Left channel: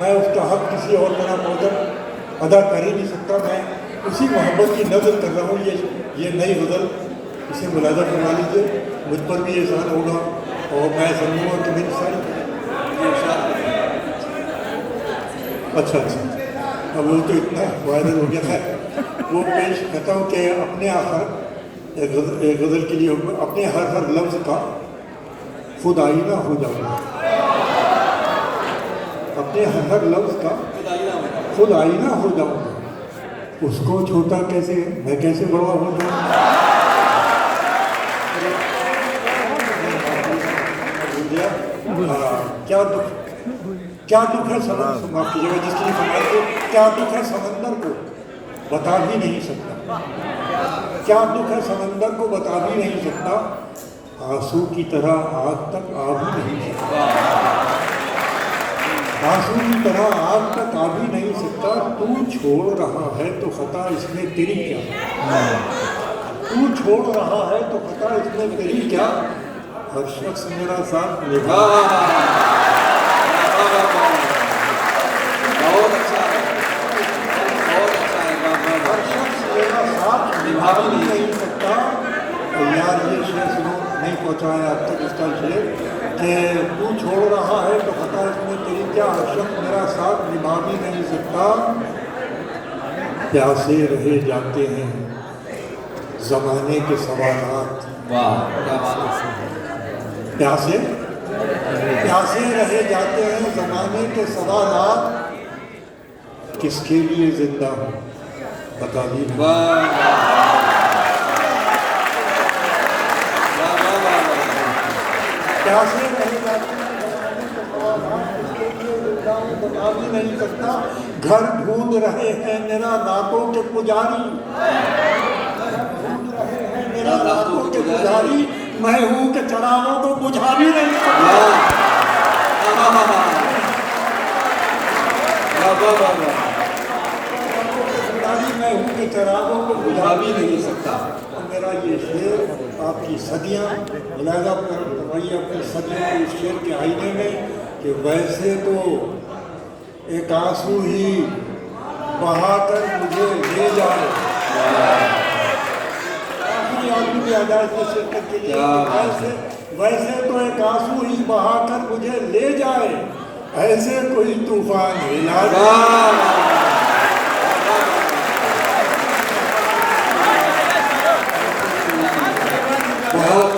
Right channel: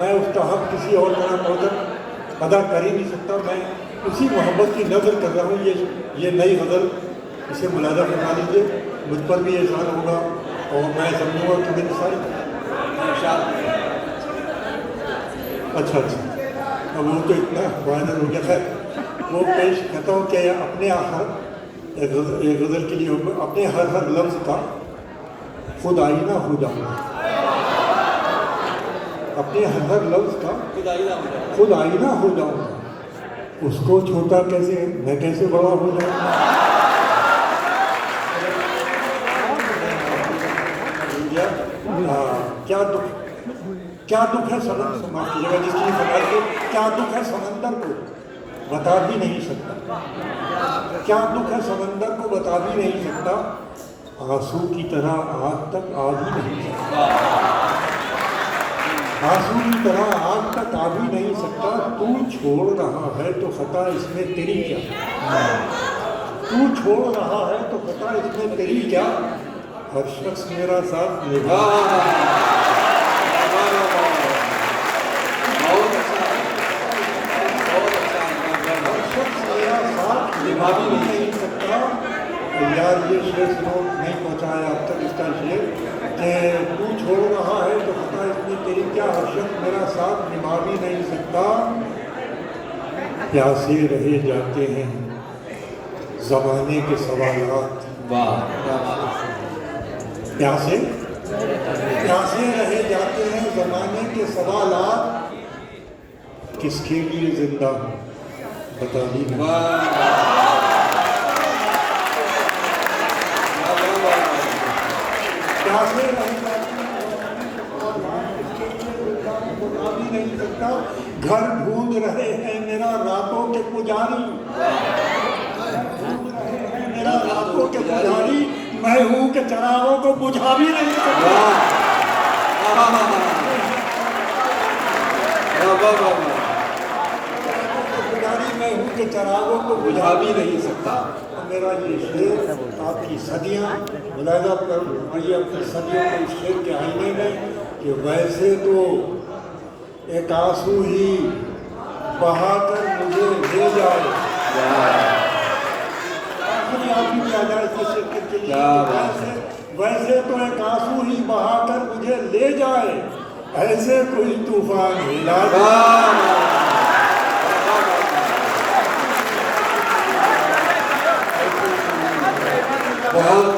मैं उसका हक किसी और तरह मौजूद अदा कर ही नहीं सकता। मैं उसी मोहब्बत की नज़र कर रहा हूँ। ये नई गज़ल, इसे मुलाज़ा करवा लीजिए, मुझ पर भी एहसान होगा और मैं समझूंगा कि मेरी सारी अच्छा अब वो तो इतना वायरल हो गया है। वो पेश करता हूँ कि अपने एक गज़ल के लिए अपने हर लफ्ज़ का खुद आईना हो जाऊँगा। अपने हर लफ्ज़ का खुद आईना हो जाऊँगा। उसको छोटा कैसे, मैं कैसे बड़ा हो जाऊँगा। क्या दुख है समंदर को, क्या दुख है समंदर को बता भी नहीं सकता। क्या दुख है समंदर को बता भी नहीं सकता। आंसू की तरह आग तक आ भी नहीं सकता। आंसू की तरह आग तक आ भी नहीं सकता। तू छोड़ रहा है तो खता इसमें तेरी क्या। तू छोड़ रहा है तो खता इसमें तेरी क्या। हर शख्स मेरा साथ निभा, हर शख्स मेरा साथ निभा भी नहीं सकता। यार ये शेर सुनो, नहीं पहुँचाया अब तक इसका शेर कि तू छोड़ रहा है तो खता इसमें तेरी क्या। हर शख्स मेरा साथ निभा भी नहीं सकता। प्यासे रहे जाते हैं ज़माने के सवालात। प्यासे रहे जाते हैं ज़माने के सवालात। किसके लिए जिंदा हूँ बता भी नहीं। प्यासे रहे जाते हैं किसके लिए जिंदा हूँ बता भी नहीं सकता। घर ढूंढ रहे हैं मेरा रातों के पुजारी। मेरा रातों के पुजारी मैं हूँ कि चरागों को बुझा भी नहीं सकता। मैं हूँ कि चरागों को बुझा भी नहीं सकता। मेरा ये शेर आपकी सदियाँ मुलाज़ा कर रही अपनी सदियों को इस शेर के आईने में कि वैसे तो एक आंसू ही बहाकर मुझे ले जाए। वैसे तो एक आंसू ही बहाकर मुझे ले जाए। ऐसे कोई तूफान हिला बहुत